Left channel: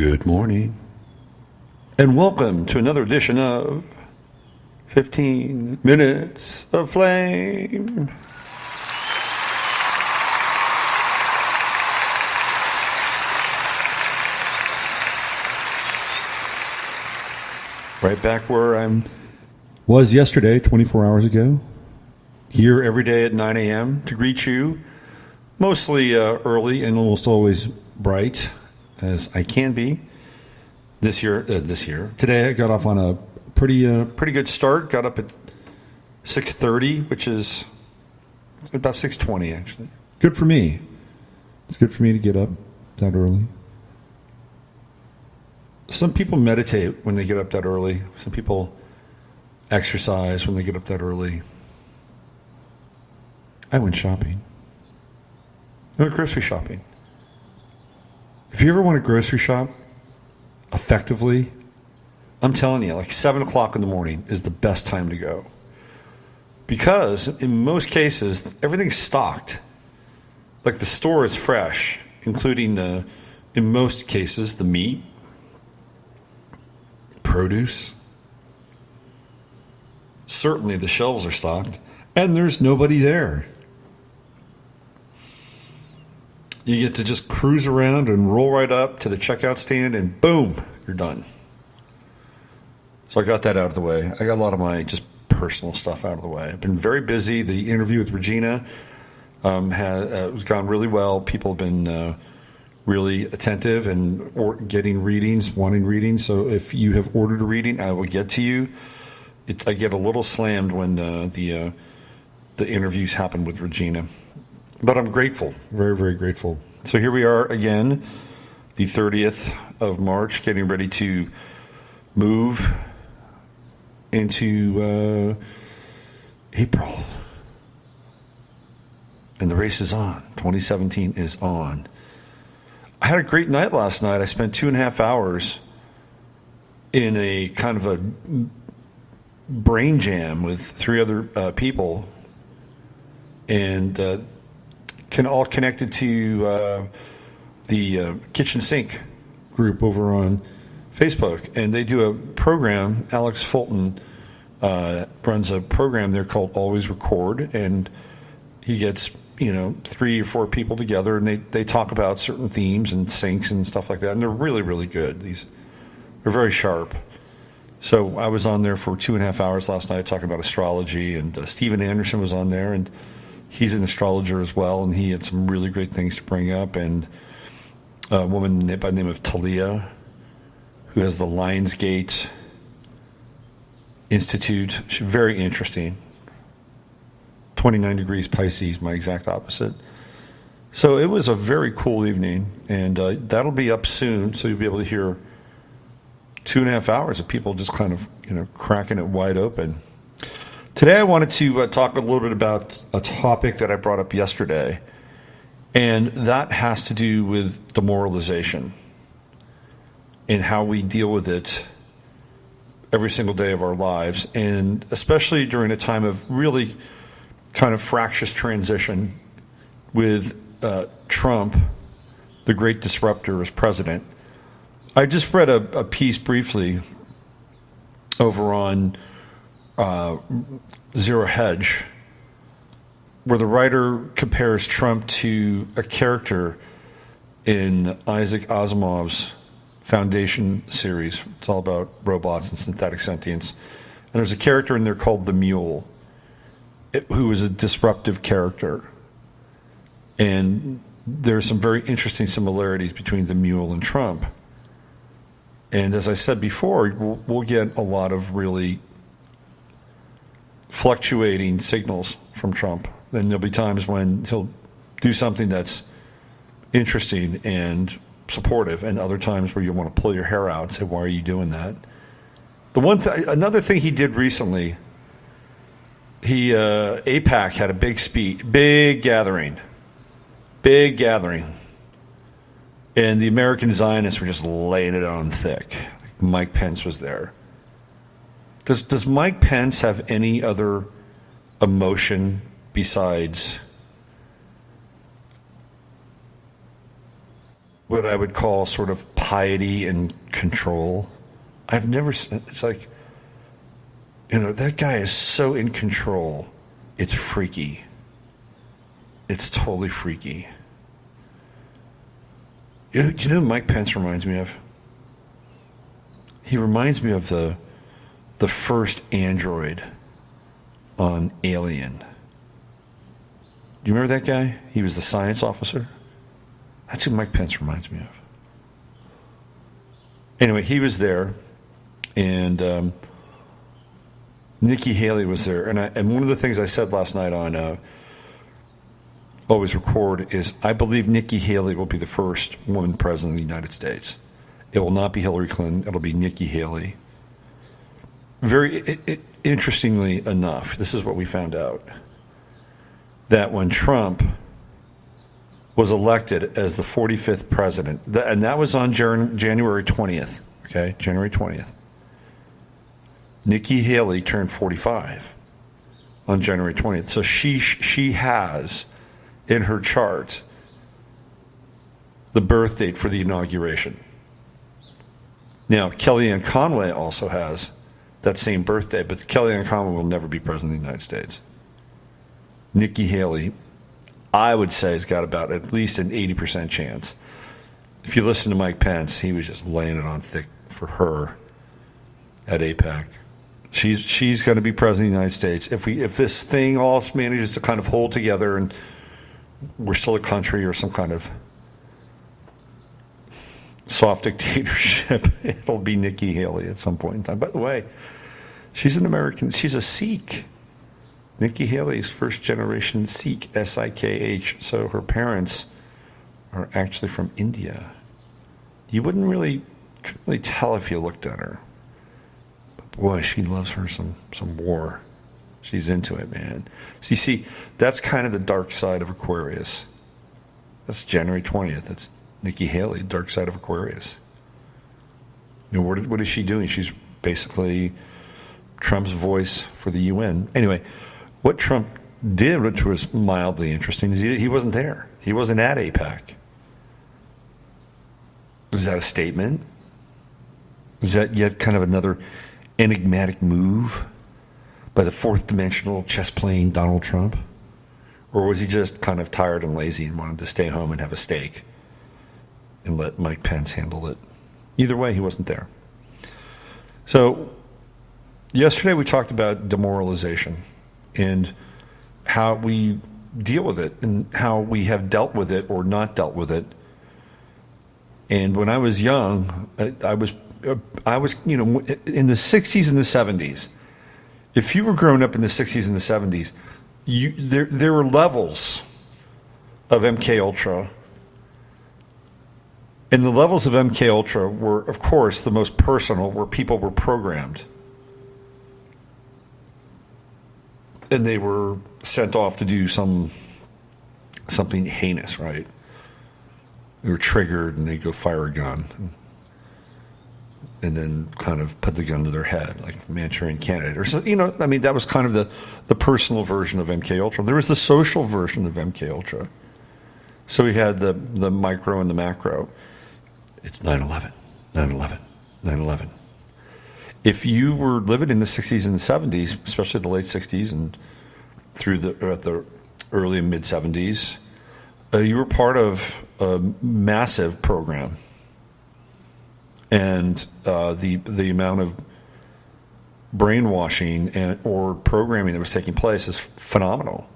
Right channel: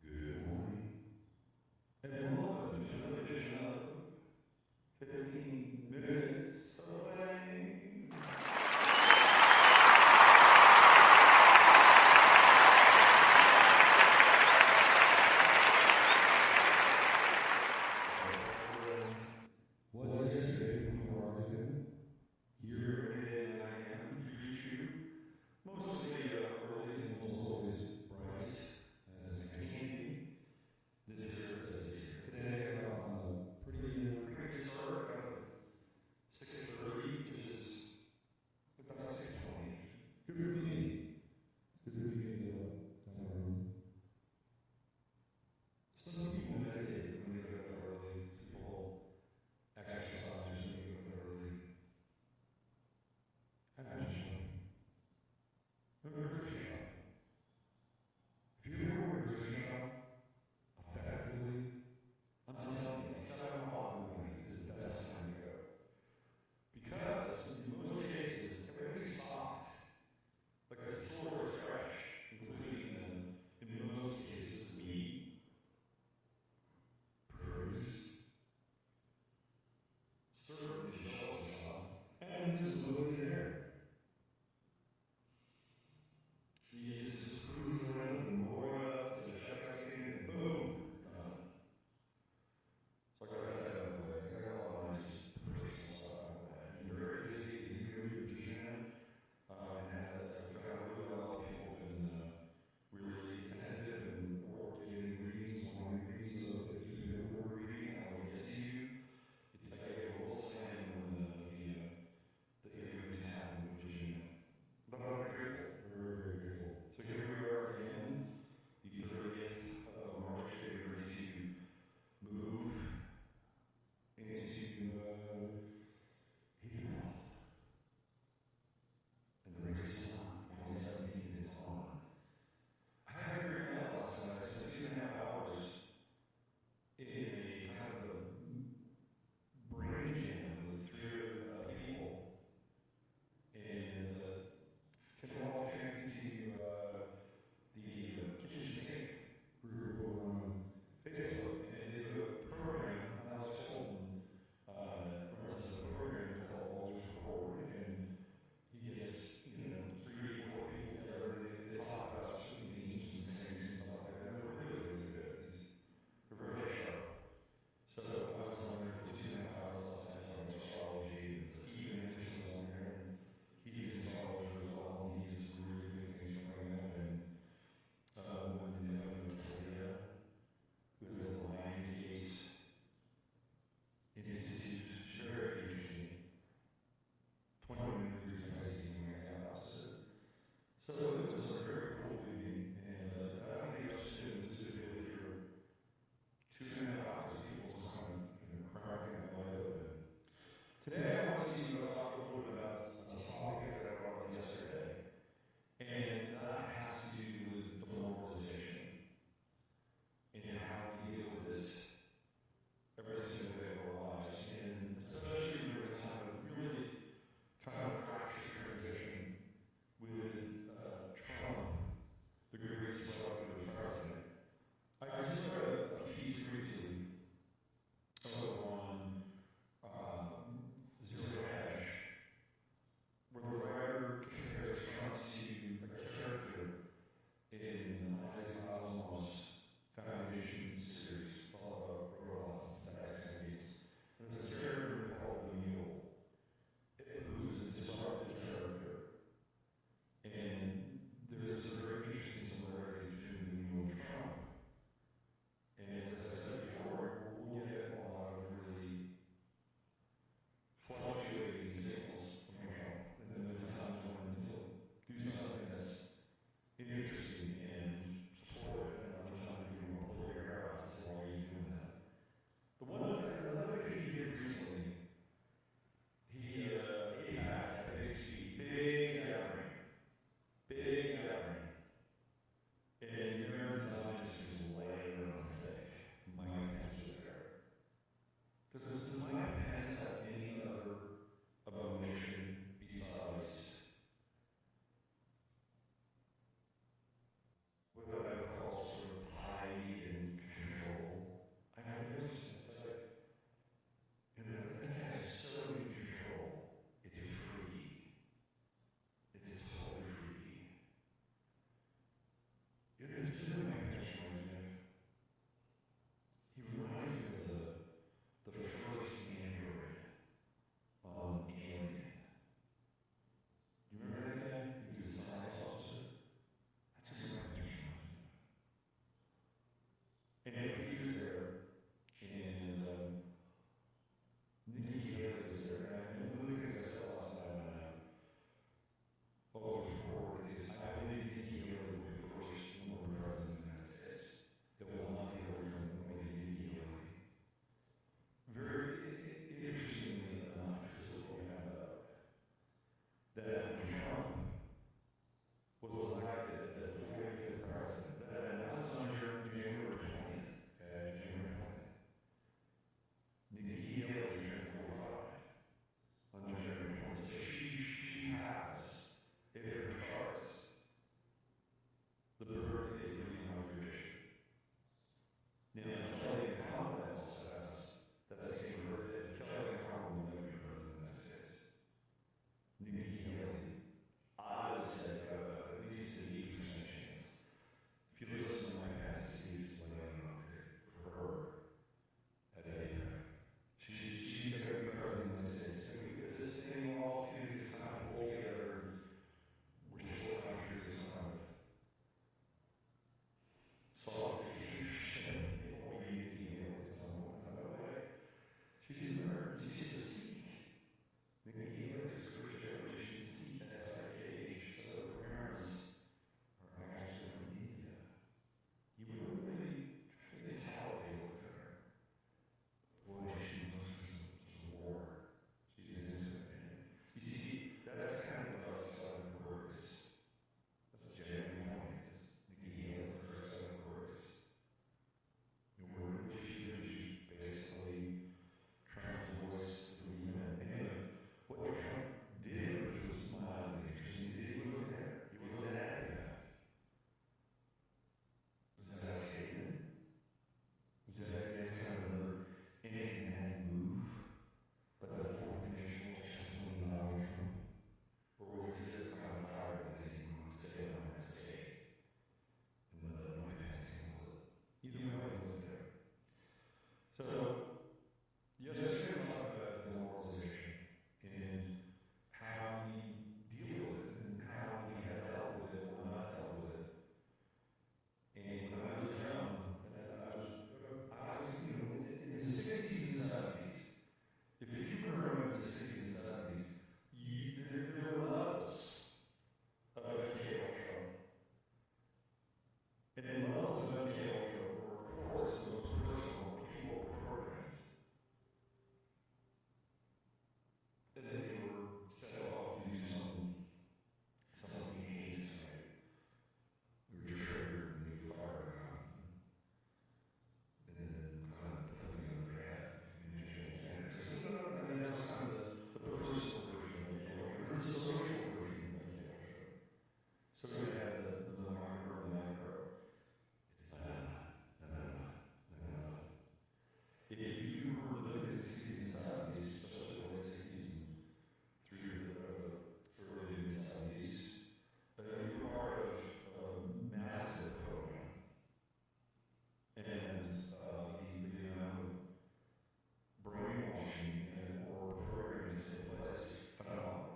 Good morning, and welcome to another edition of 15 Minutes of Flame. Right back where I was yesterday, 24 hours ago. Here every day at 9 a.m. to greet you, mostly early and almost always bright, as I can be. This year. Today I got off on a pretty good start. Got up at 6:30, which is about 6:20 actually. Good for me. It's good for me to get up that early. Some people meditate when they get up that early. Some people exercise when they get up that early. I went shopping. I went grocery shopping. If you ever want to grocery shop effectively, I'm telling you, like 7 o'clock in the morning is the best time to go. Because in most cases, everything's stocked. Like the store is fresh, including, in most cases, the meat, produce. Certainly the shelves are stocked, and there's nobody there. You get to just cruise around and roll right up to the checkout stand, and boom, you're done. So I got that out of the way. I got a lot of my just personal stuff out of the way. I've been very busy. The interview with Regina has gone really well. People have been really attentive and getting readings, wanting readings. So if you have ordered a reading, I will get to you. I get a little slammed when the interviews happen with Regina. But I'm grateful, very, very grateful. So here we are again, the 30th of March, getting ready to move into April. And the race is on. 2017 is on. I had a great night last night. I spent 2.5 hours in a kind of a brain jam with 3 other people. And all connected to the kitchen sink group over on Facebook, and they do a program. Alex Fulton runs a program there called Always Record, and he gets 3 or 4 people together, and they talk about certain themes and sinks and stuff like that, and they're really, really good. They're very sharp. So I was on there for 2.5 hours last night talking about astrology, and Steven Anderson was on there, and he's an astrologer as well, and he had some really great things to bring up. And a woman by the name of Talia, who has the Lionsgate Institute. She's very interesting. 29 degrees Pisces, my exact opposite. So it was a very cool evening, and that'll be up soon, so you'll be able to hear 2.5 hours of people just kind of cracking it wide open. Today I wanted to talk a little bit about a topic that I brought up yesterday, and that has to do with demoralization and how we deal with it every single day of our lives, and especially during a time of really kind of fractious transition with Trump, the great disruptor, as president. I just read a piece briefly over on Zero Hedge, where the writer compares Trump to a character in Isaac Asimov's Foundation series. It's all about robots and synthetic sentience. And there's a character in there called the Mule, who is a disruptive character. And there's some very interesting similarities between the Mule and Trump. And as I said before, we'll get a lot of really fluctuating signals from Trump. And there'll be times when he'll do something that's interesting and supportive, and other times where you want to pull your hair out and say, why are you doing that? Another thing he did recently, AIPAC had a big gathering, and the American Zionists were just laying it on thick. Mike Pence was there. Does Mike Pence have any other emotion besides what I would call sort of piety and control. It's like, that guy is so in control. It's freaky. It's totally freaky. Do you know who Mike Pence reminds me of? He reminds me of the first android on Alien. Do you remember that guy? He was the science officer. That's who Mike Pence reminds me of. Anyway, he was there, and Nikki Haley was there. And one of the things I said last night on Always Record is I believe Nikki Haley will be the first woman president of the United States. It will not be Hillary Clinton. It'll be Nikki Haley. Very interestingly enough, this is what we found out, that when Trump was elected as the 45th president, and that was on January 20th, okay, January 20th, Nikki Haley turned 45 on January 20th. So she has in her chart the birth date for the inauguration. Now, Kellyanne Conway also has that same birthday, but Kellyanne Conway will never be president of the United States. Nikki Haley, I would say, has got about at least an 80% chance. If you listen to Mike Pence, he was just laying it on thick for her at AIPAC. She's going to be president of the United States. If this thing all manages to kind of hold together and we're still a country or some kind of soft dictatorship, it'll be Nikki Haley at some point in time. By the way, she's an American. She's a Sikh. Nikki Haley is first generation Sikh, S-I-K-H. So her parents are actually from India. You couldn't really tell if you looked at her. But boy, she loves her some war. She's into it, man. So you see, that's kind of the dark side of Aquarius. That's January 20th. That's Nikki Haley, dark side of Aquarius. What is she doing? She's basically Trump's voice for the UN. Anyway, what Trump did, which was mildly interesting, is he wasn't there. He wasn't at AIPAC. Is that a statement? Is that yet kind of another enigmatic move by the fourth dimensional chess playing Donald Trump? Or was he just kind of tired and lazy and wanted to stay home and have a steak and let Mike Pence handle it? Either way, he wasn't there. So yesterday we talked about demoralization and how we deal with it and how we have dealt with it or not dealt with it. And when I was young, I was in the 60s and the 70s. If you were growing up in the 60s and the 70s, there were levels of MK Ultra. And the levels of MK Ultra were, of course, the most personal, where people were programmed. And they were sent off to do something heinous, right? They were triggered and they'd go fire a gun and then kind of put the gun to their head, like Manchurian Candidate. Or so, that was kind of the personal version of MK Ultra. There was the social version of MK Ultra. So we had the micro and the macro. It's 9/11, 9/11, 9/11. If you were living in the 60s and the 70s, especially the late 60s and through the early and mid 70s, you were part of a massive program. And the amount of brainwashing or programming that was taking place is phenomenal.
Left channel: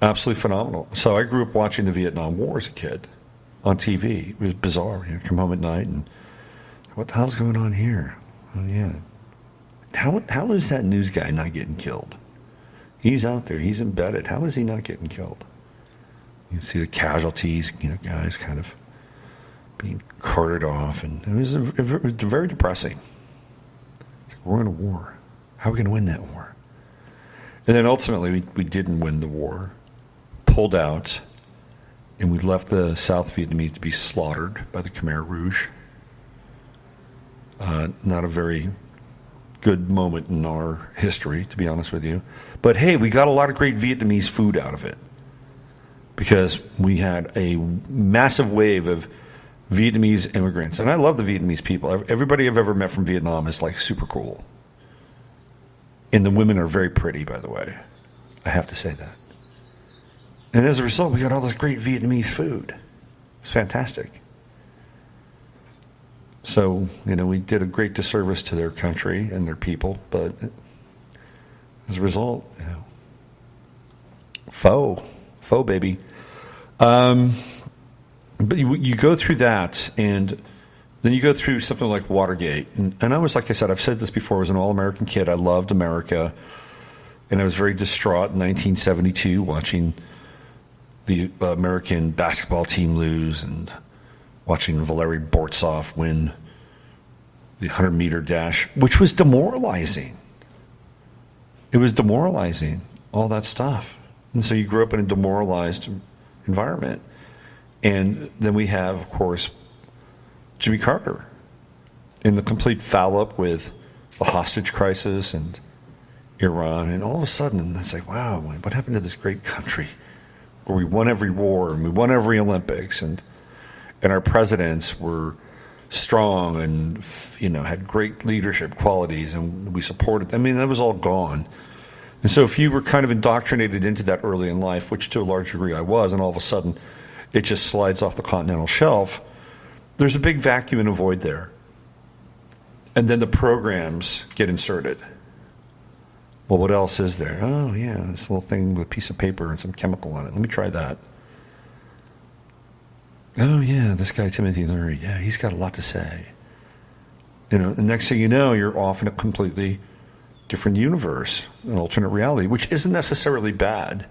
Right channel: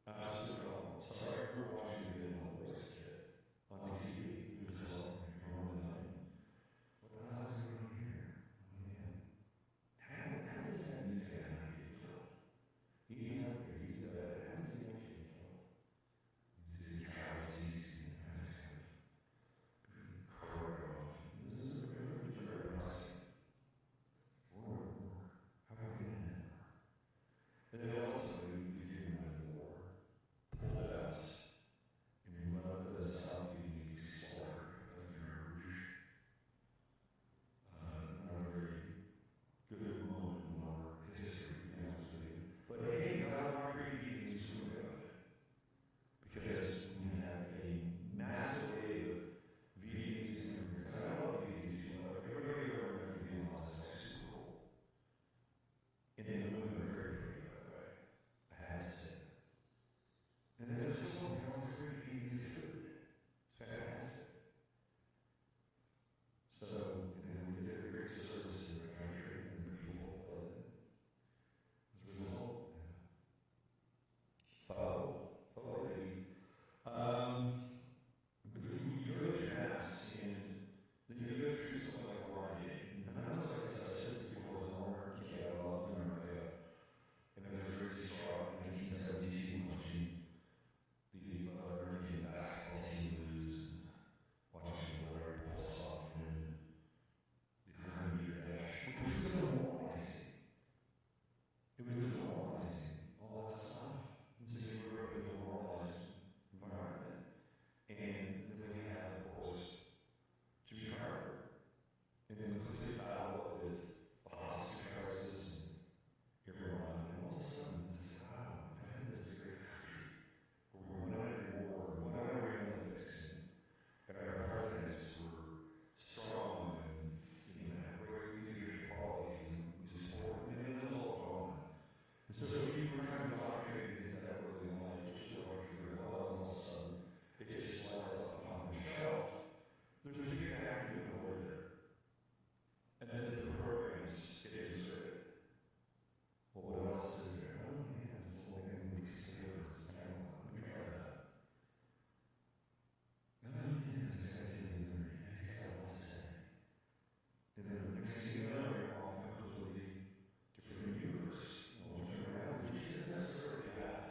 Absolutely phenomenal. So I grew up watching the Vietnam War as a kid on TV. It was bizarre. Come home at night and what the hell's going on here? Oh, yeah. How is that news guy not getting killed? He's out there. He's embedded. How is he not getting killed? You see the casualties, guys kind of being carted off. And it was very depressing. It's like, we're in a war. How are we going to win that war? And then ultimately, we didn't win the war. Pulled out. And we left the South Vietnamese to be slaughtered by the Khmer Rouge. Not a very good moment in our history, to be honest with you. But hey, we got a lot of great Vietnamese food out of it. because we had a massive wave of Vietnamese immigrants. And I love the Vietnamese people. Everybody I've ever met from Vietnam is like super cool. And the women are very pretty, by the way. I have to say that. And as a result, we got all this great Vietnamese food. It's fantastic. So, we did a great disservice to their country and their people, but as a result, faux baby. But you go through that, and then you go through something like Watergate. And I was, like I said, I've said this before, I was an all-American kid. I loved America. And I was very distraught in 1972 watching the American basketball team lose and watching Valery Bortsov win the 100-meter dash, which was demoralizing. It was demoralizing, all that stuff. And so you grew up in a demoralized environment. And then we have, of course, Jimmy Carter in the complete foul-up with the hostage crisis and Iran. And all of a sudden, it's like, wow, what happened to this great country where we won every war and we won every Olympics, and our presidents were strong and, had great leadership qualities, and we supported. I mean, that was all gone. And so if you were kind of indoctrinated into that early in life, which to a large degree I was, and all of a sudden it just slides off the continental shelf, there's a big vacuum and a void there. And then the programs get inserted. Well, what else is there? Oh, yeah, this little thing with a piece of paper and some chemical on it. Let me try that. Oh, yeah, this guy, Timothy Leary, yeah, he's got a lot to say. The next thing you know, you're off in a completely different universe, an alternate reality, which isn't necessarily bad.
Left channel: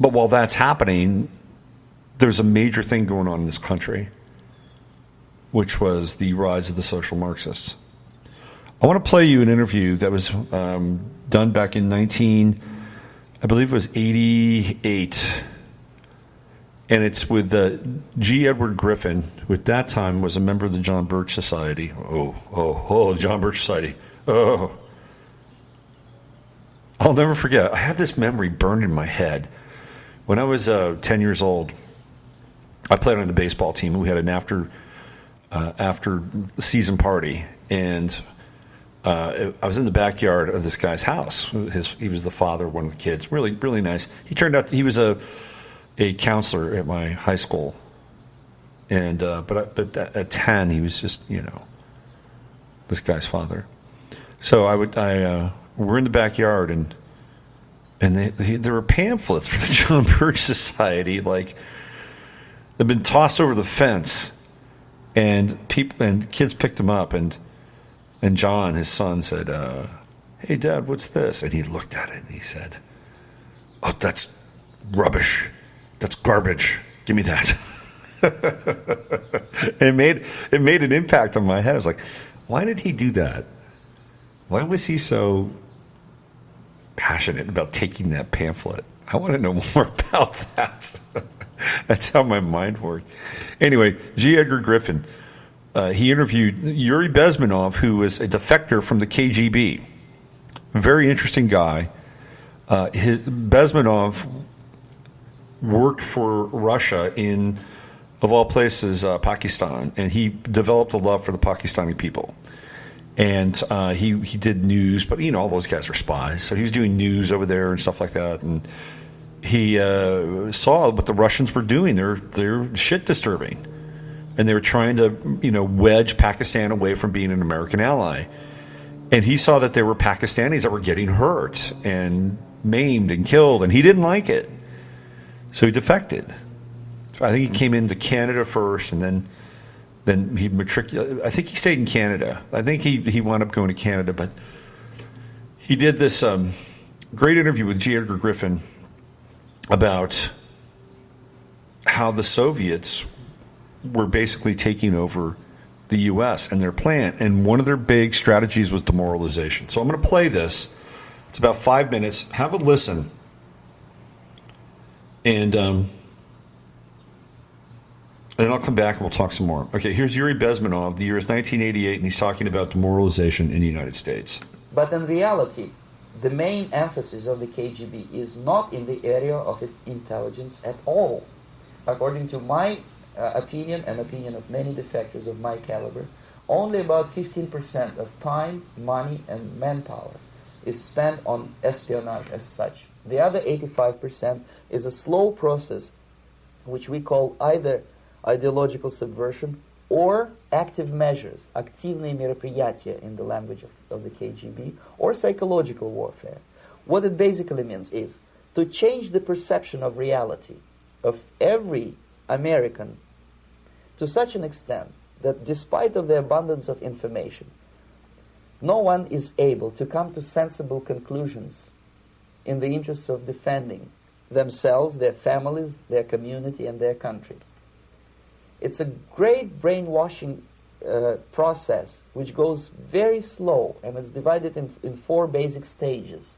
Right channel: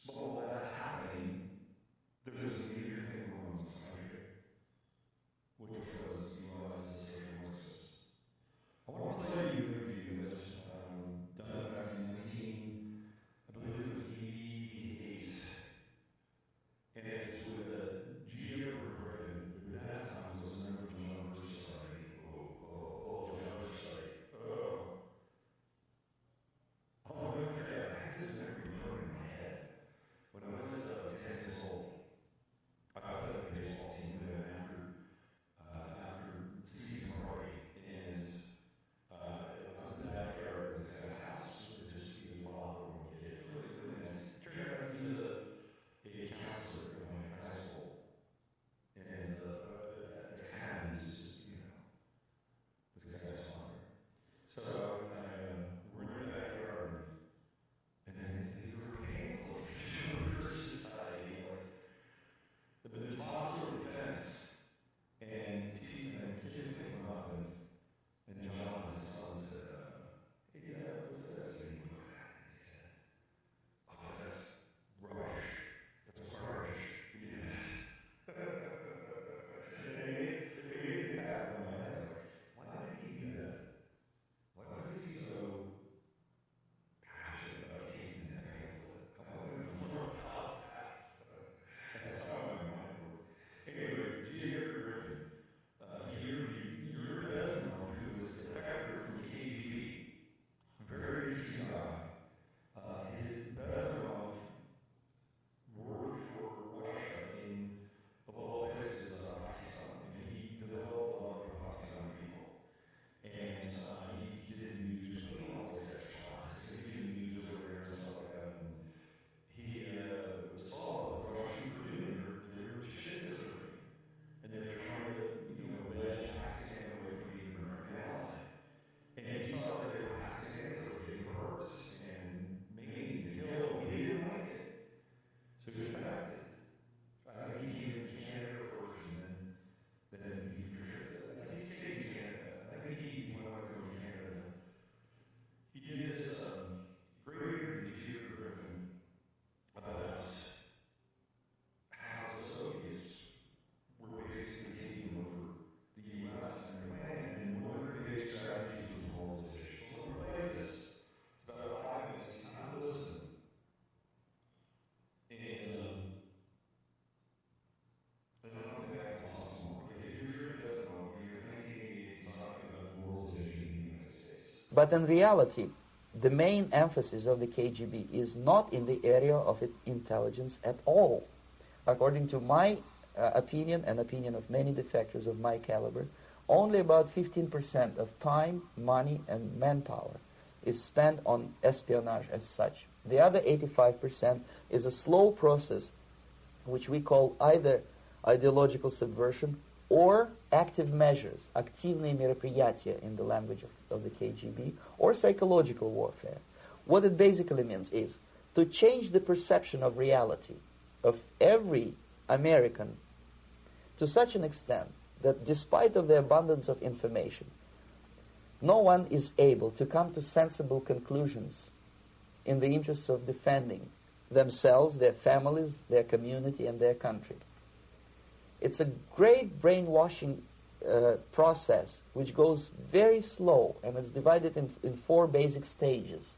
But while that's happening, there's a major thing going on in this country, which was the rise of the social Marxists. I want to play you an interview that was done back in I believe it was 88. And it's with G. Edward Griffin, who at that time was a member of the John Birch Society. John Birch Society. Oh. I'll never forget. I have this memory burned in my head. When I was 10 years old, I played on the baseball team. We had an after season party, and I was in the backyard of this guy's house. He was the father of one of the kids. Really, really nice. He turned out he was a counselor at my high school, and but at 10 he was just this guy's father. So we're in the backyard, and there were pamphlets for the John Birch Society, like they've been tossed over the fence, and kids picked them up, and John, his son, said, "Hey, Dad, what's this?" And he looked at it and he said, "Oh, that's rubbish. That's garbage. Give me that." It made an impact on my head. I was like, why did he do that? Why was he so passionate about taking that pamphlet? I want to know more about that. That's how my mind worked. Anyway, G. Edgar Griffin, he interviewed Yuri Bezmenov, who was a defector from the KGB. Very interesting guy. Bezmenov worked for Russia in, of all places, Pakistan, and he developed a love for the Pakistani people. And he did news, but all those guys are spies, so he was doing news over there and stuff like that. And he saw what the Russians were doing. They're shit disturbing, and they were trying to wedge Pakistan away from being an American ally. And he saw that there were Pakistanis that were getting hurt and maimed and killed, and he didn't like it. So he defected. I think he came into Canada first, and then he matriculated. I think he stayed in Canada. I think he wound up going to Canada, but he did this great interview with G. Edgar Griffin about how the Soviets were basically taking over the U.S. and their plan, and one of their big strategies was demoralization. So I'm going to play this. It's about 5 minutes. Have a listen. And then I'll come back and we'll talk some more. Okay, here's Yuri Bezmenov. The year is 1988, and he's talking about demoralization in the United States. But in reality, the main emphasis of the KGB is not in the area of intelligence at all. According to my opinion and opinion of many defectors of my caliber, only about 15% of time, money, and manpower is spent on espionage as such. The other 85% is a slow process which we call either ideological subversion or active measures, активные мероприятия in the language of the KGB, or psychological warfare. What it basically means is to change the perception of reality of every American to such an extent that despite of the abundance of information, no one is able to come to sensible conclusions in the interests of defending themselves, their families, their community, and their country. It's a great brainwashing process which goes very slow, and it's divided in 4 basic stages.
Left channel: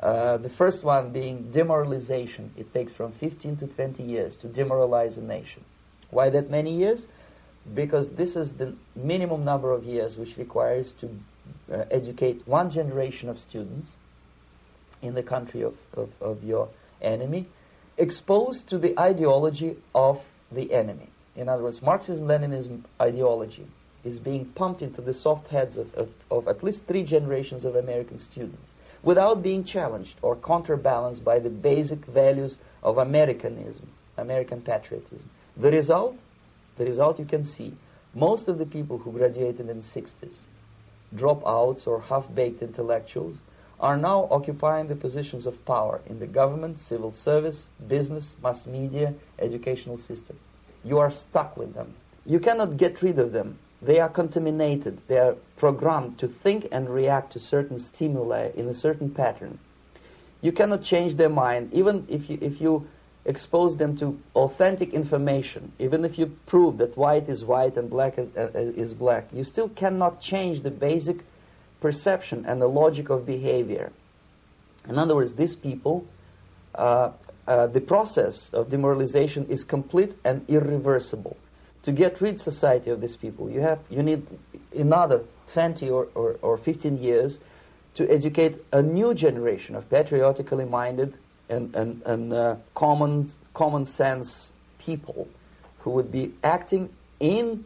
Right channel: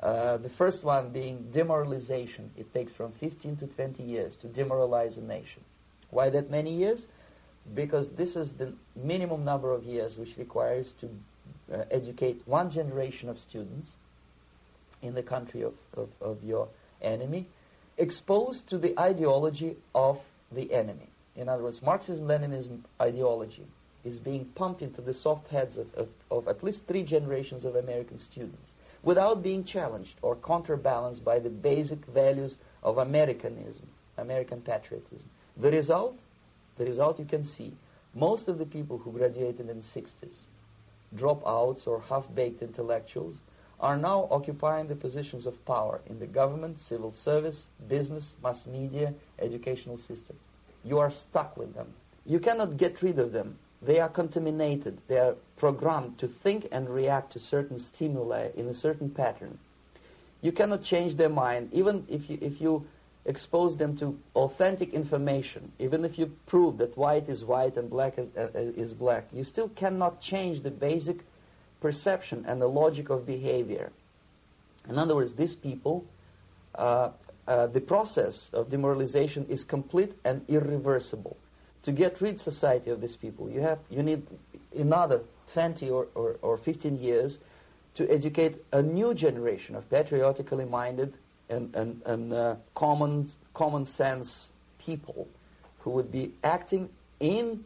The first one being demoralization. It takes from 15 to 20 years to demoralize a nation. Why that many years? Because this is the minimum number of years which requires to educate one generation of students in the country of your enemy, exposed to the ideology of the enemy. In other words, Marxism-Leninism ideology is being pumped into the soft heads of at least 3 generations of American students without being challenged or counterbalanced by the basic values of Americanism, American patriotism. The result you can see. Most of the people who graduated in the 60s, dropouts or half-baked intellectuals, are now occupying the positions of power in the government, civil service, business, mass media, educational system. You are stuck with them. You cannot get rid of them. They are contaminated. They are programmed to think and react to certain stimuli in a certain pattern. You cannot change their mind, even if you expose them to authentic information, even if you prove that white is white and black is black. You still cannot change the basic perception and the logic of behavior. In other words, these people, the process of demoralization is complete and irreversible. To get rid society of these people, you need another 20 or 15 years to educate a new generation of patriotically minded and common sense people who would be acting in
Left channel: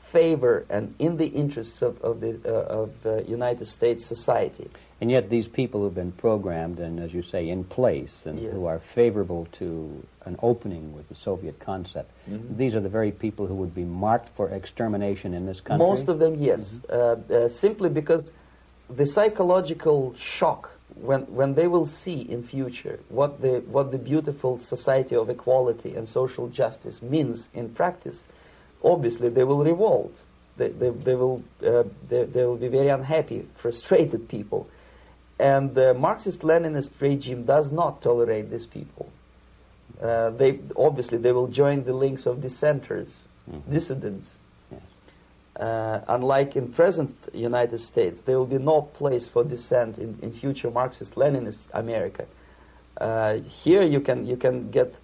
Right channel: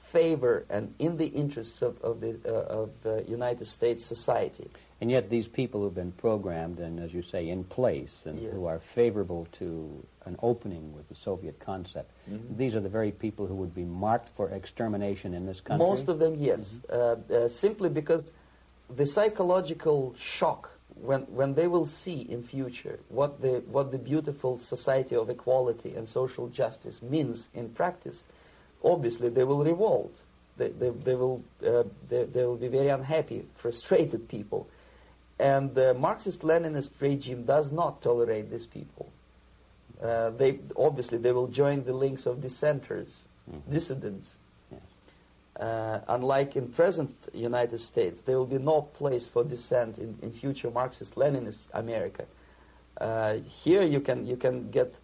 favor and in the interests of the United States society. And yet these people who've been programmed and, as you say, in place and Yes. who are favorable to an opening with the Soviet concept, these are the very people who would be marked for extermination in this country? Most of them, yes. Simply because the psychological shock when they will see in future what the beautiful society of equality and social justice means in practice, obviously they will revolt. They will be very unhappy, frustrated people. And the Marxist-Leninist regime does not tolerate these people. They will join the links of dissenters, dissidents. Unlike in present United States, there will be no place for dissent in future Marxist-Leninist America. Here you can get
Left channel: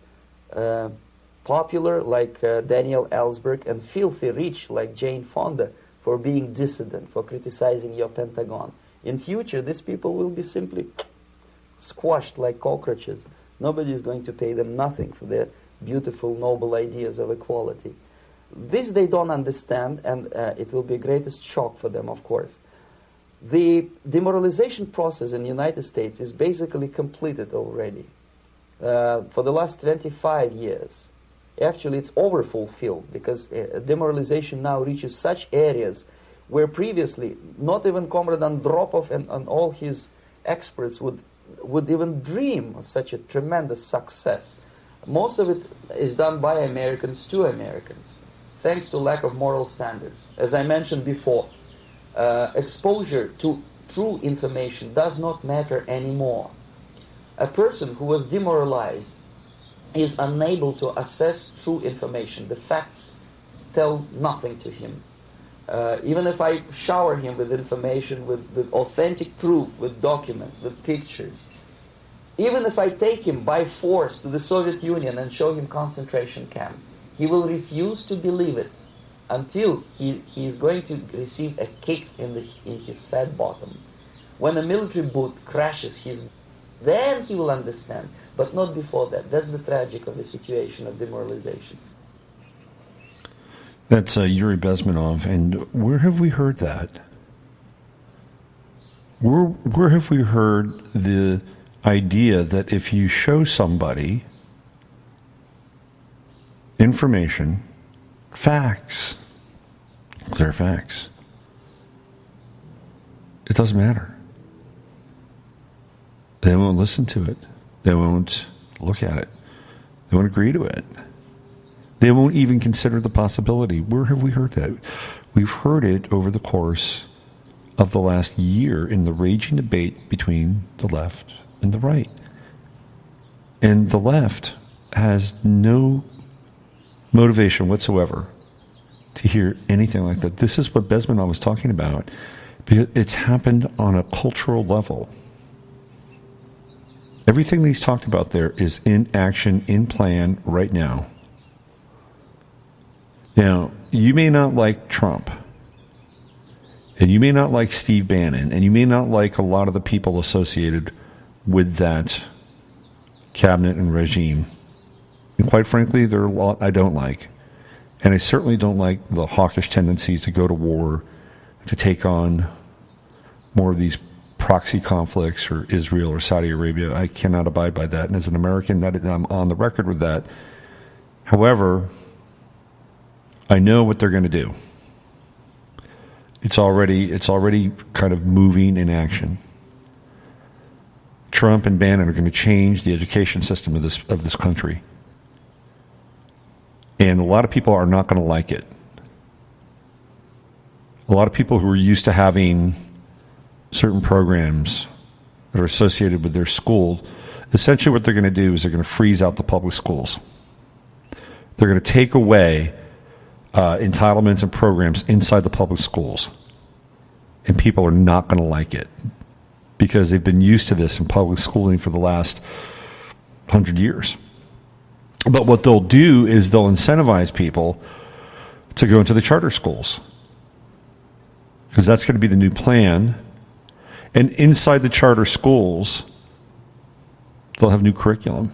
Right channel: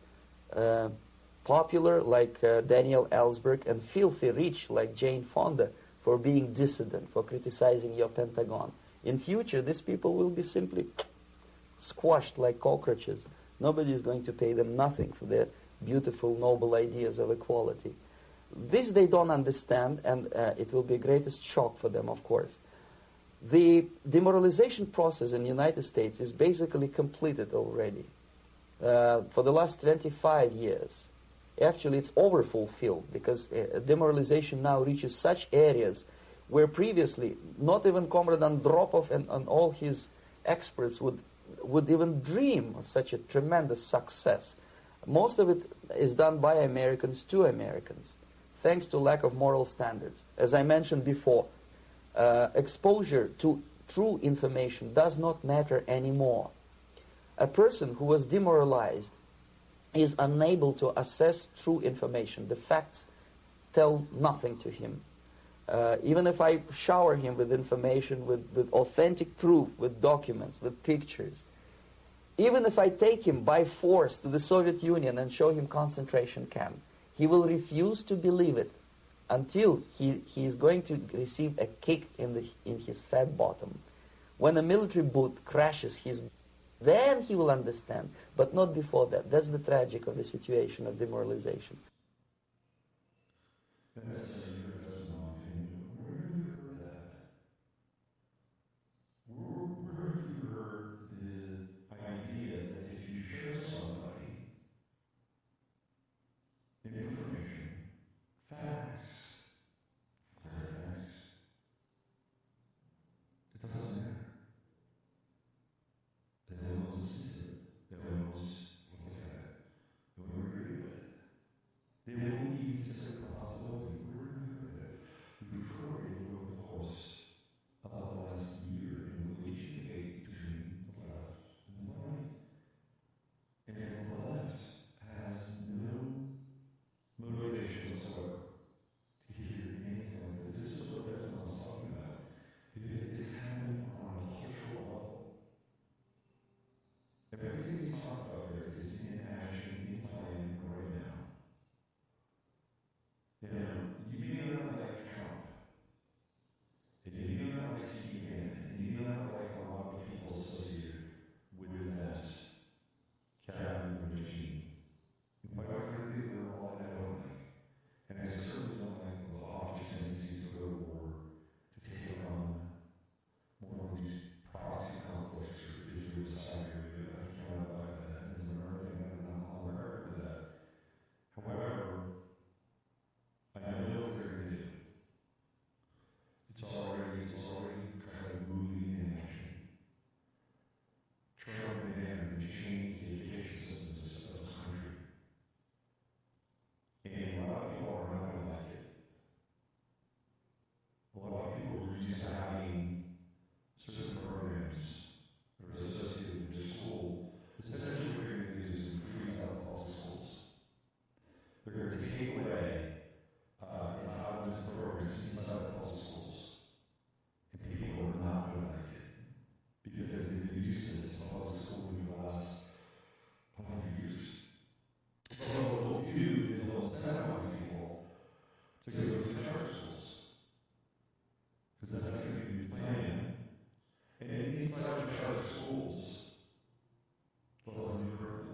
popular like Daniel Ellsberg and filthy rich like Jane Fonda for being dissident, for criticizing your Pentagon. In future, these people will be simply squashed like cockroaches. Nobody is going to pay them nothing for their beautiful, noble ideas of equality. This they don't understand, and it will be a greatest shock for them, of course. The demoralization process in the United States is basically completed already. For the last 25 years, actually it's overfulfilled, because demoralization now reaches such areas where previously not even Comrade Andropov and all his experts would even dream of such a tremendous success. Most of it is done by Americans to Americans, thanks to lack of moral standards. As I mentioned before, exposure to true information does not matter anymore. A person who was demoralized is unable to assess true information. The facts tell nothing to him. Even if I shower him with information, with authentic proof, with documents, with pictures, even if I take him by force to the Soviet Union and show him concentration camp, he will refuse to believe it until he is going to receive a kick in his fat bottom. When a military boot crashes then he will understand, but not before that. That's the tragic of the situation of demoralization. That's Yuri Bezmenov. And where have we heard that? Where have we heard the idea that if you show somebody information, facts, clear facts, it doesn't matter. They won't listen to it. They won't look at it. They won't agree to it. They won't even consider the possibility. Where have we heard that? We've heard it over the course of the last year in the raging debate between the left and the right. And the left has no motivation whatsoever to hear anything like that. This is what Bezmenov was talking about. Because it's happened on a cultural level. Everything that he's talked about there is in action, in plan right now. Now, you may not like Trump, and you may not like Steve Bannon, and you may not like a lot of the people associated with that cabinet and regime. And quite frankly, there are a lot I don't like. And I certainly don't like the hawkish tendencies to go to war, to take on more of these proxy conflicts or Israel or Saudi Arabia. I cannot abide by that. And as an American, I'm on the record with that. However, I know what they're going to do. It's already kind of moving in action. Trump and Bannon are going to change the education system of this country. And a lot of people are not going to like it. A lot of people who are used to having certain programs that are associated with their school, essentially what they're going to do is they're going to freeze out the public schools. They're going to take away entitlements and programs inside the public schools. And people are not going to like it because they've been used to this in public schooling for the last 100 years. But what they'll do is they'll incentivize people to go into the charter schools because that's going to be the new plan. And inside the charter schools, they'll have new curriculum.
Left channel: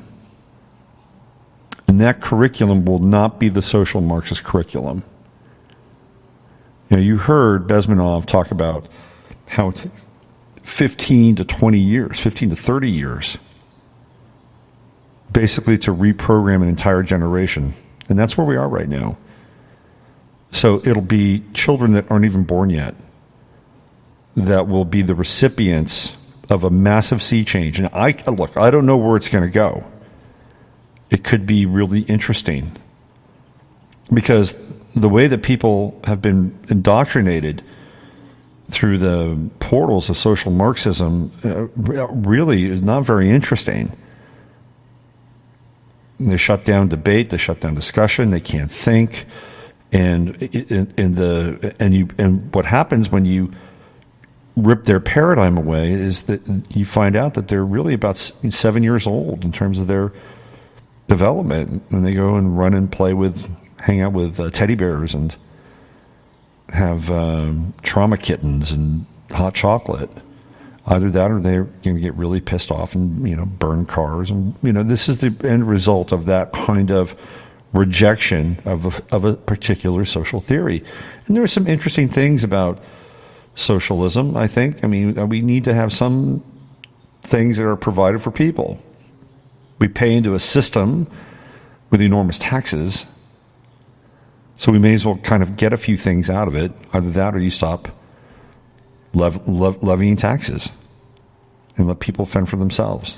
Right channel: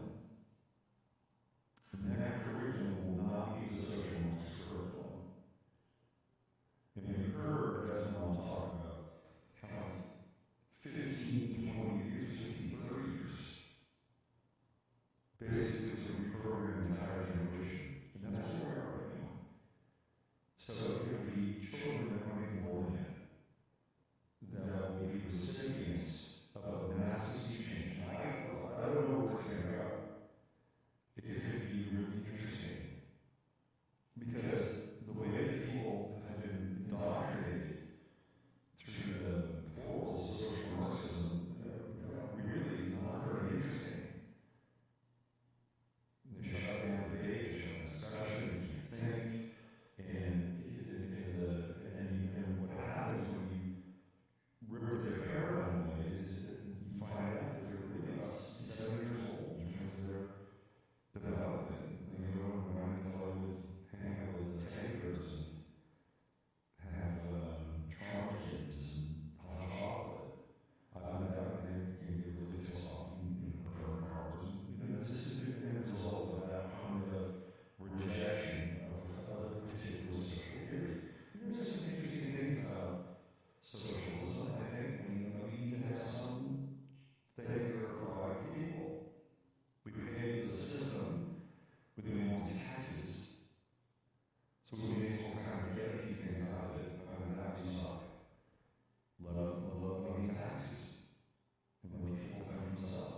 And that curriculum will not be the social Marxist curriculum. You know, you heard Bezmenov talk about how it's 15 to 20 years, 15 to 30 years, basically to reprogram an entire generation. And that's where we are right now. So it'll be children that aren't even born yet that will be the recipients of a massive sea change. And I don't know where it's going to go. It could be really interesting because the way that people have been indoctrinated through the portals of social Marxism really is not very interesting. They shut down debate, they shut down discussion, they can't think, and what happens when you rip their paradigm away is that you find out that they're really about 7 years old in terms of their development, and they go and run and hang out with teddy bears and have trauma kittens and hot chocolate. Either that or they're going to get really pissed off and, burn cars. And, this is the end result of that kind of rejection of a particular social theory. And there are some interesting things about socialism, I think. I mean, we need to have some things that are provided for people. We pay into a system with enormous taxes, so we may as well kind of get a few things out of it. Either that or you stop levying taxes and let people fend for themselves.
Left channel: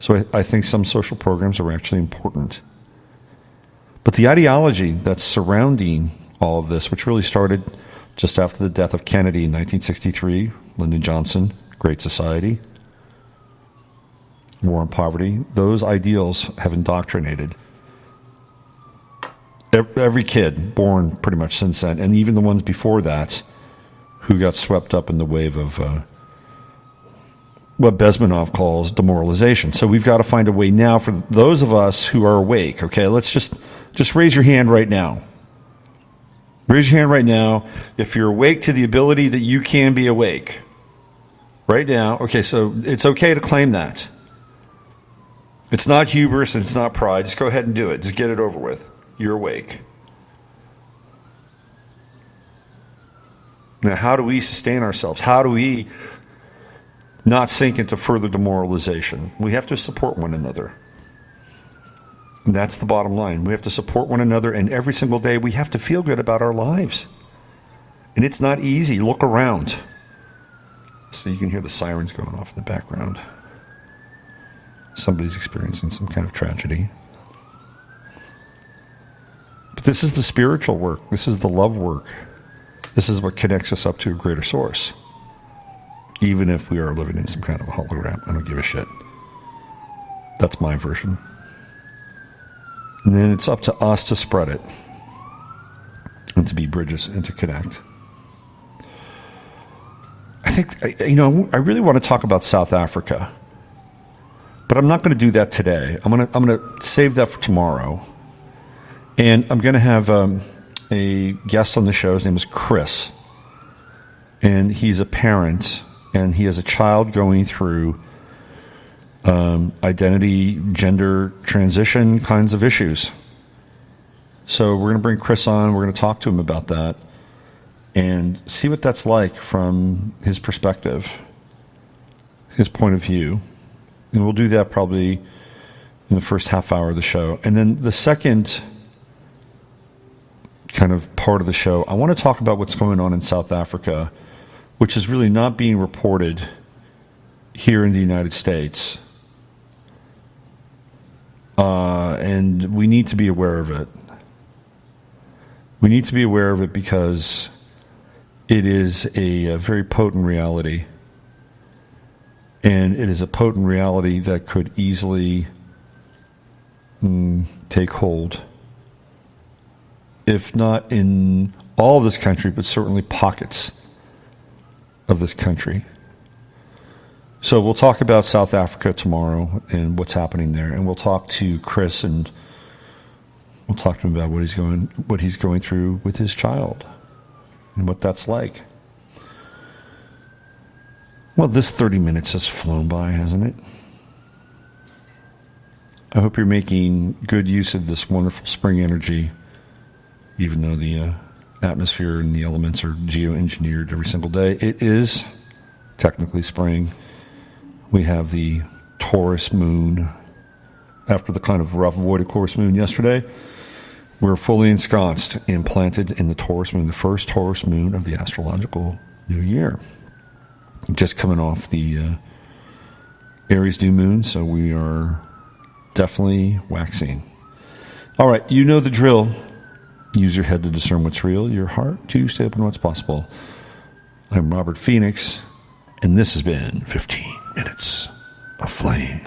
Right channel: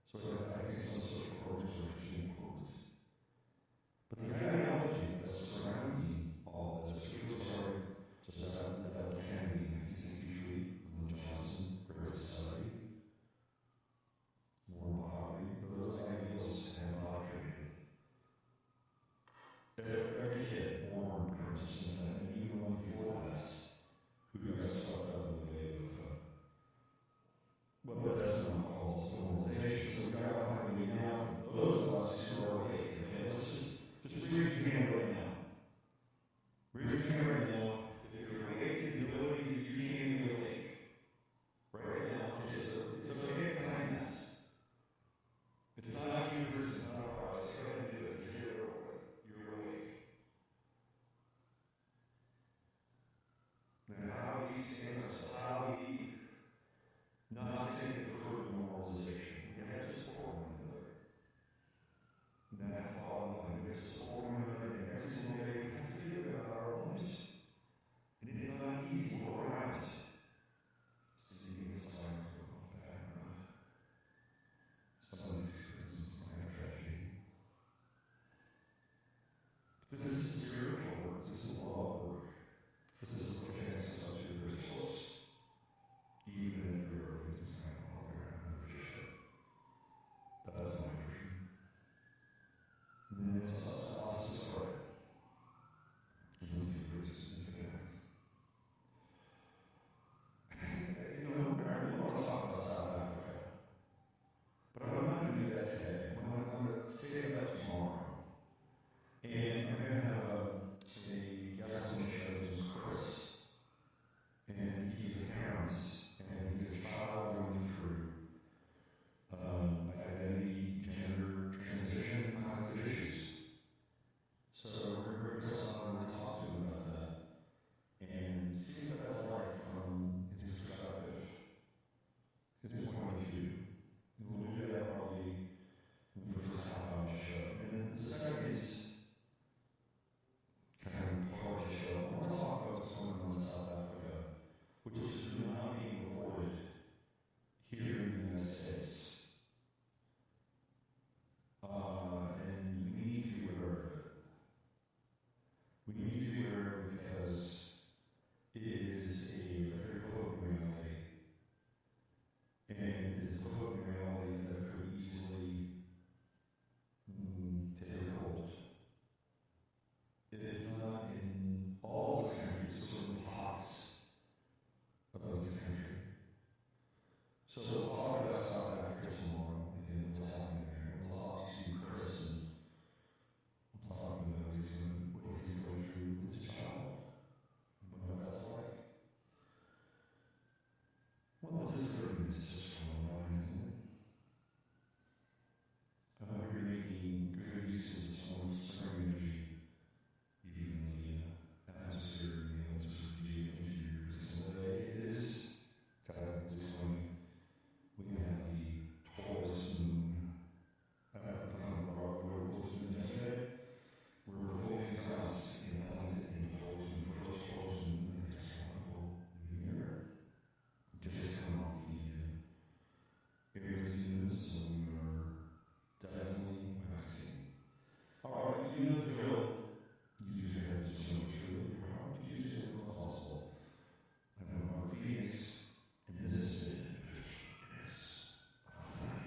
So I think some social programs are actually important. But the ideology that's surrounding all of this, which really started just after the death of Kennedy in 1963, Lyndon Johnson, Great Society, war on poverty, those ideals have indoctrinated every kid born pretty much since then, and even the ones before that who got swept up in the wave of what Bezmenov calls demoralization. So we've got to find a way now for those of us who are awake. Okay, let's just raise your hand right now. Raise your hand right now if you're awake to the ability that you can be awake. Right now, okay, so it's okay to claim that. It's not hubris, and it's not pride. Just go ahead and do it. Just get it over with. You're awake. Now, how do we sustain ourselves? How do we not sink into further demoralization? We have to support one another. And that's the bottom line. We have to support one another, and every single day we have to feel good about our lives. And it's not easy. Look around. So you can hear the sirens going off in the background. Somebody's experiencing some kind of tragedy. But this is the spiritual work. This is the love work. This is what connects us up to a greater source. Even if we are living in some kind of a hologram. I don't give a shit. That's my version. And then it's up to us to spread it. And to be bridges and to connect. I think, I really want to talk about South Africa. But I'm not going to do that today. I'm going to save that for tomorrow. And I'm going to have a guest on the show. His name is Chris. And he's a parent. And he has a child going through identity, gender transition kinds of issues. So we're going to bring Chris on. We're going to talk to him about that. And see what that's like from his perspective, his point of view. And we'll do that probably in the first half hour of the show. And then the second kind of part of the show, I want to talk about what's going on in South Africa, which is really not being reported here in the United States. And we need to be aware of it. We need to be aware of it because it is a very potent reality. And it is a potent reality that could easily take hold. If not in all of this country, but certainly pockets of this country. So we'll talk about South Africa tomorrow and what's happening there. And we'll talk to Chris and we'll talk to him about what he's going through with his child. And what that's like. Well, this 30 minutes has flown by, hasn't it? I hope you're making good use of this wonderful spring energy, even though the atmosphere and the elements are geoengineered every single day. It is technically spring. We have the Taurus moon. After the kind of rough void of Taurus moon yesterday, we're fully ensconced and planted in the Taurus moon, the first Taurus moon of the astrological new year. Just coming off the Aries new moon, so we are definitely waxing. All right, you know the drill. Use your head to discern what's real, your heart to stay open to what's possible. I'm Robert Phoenix, and this has been 15 Minutes of Flame.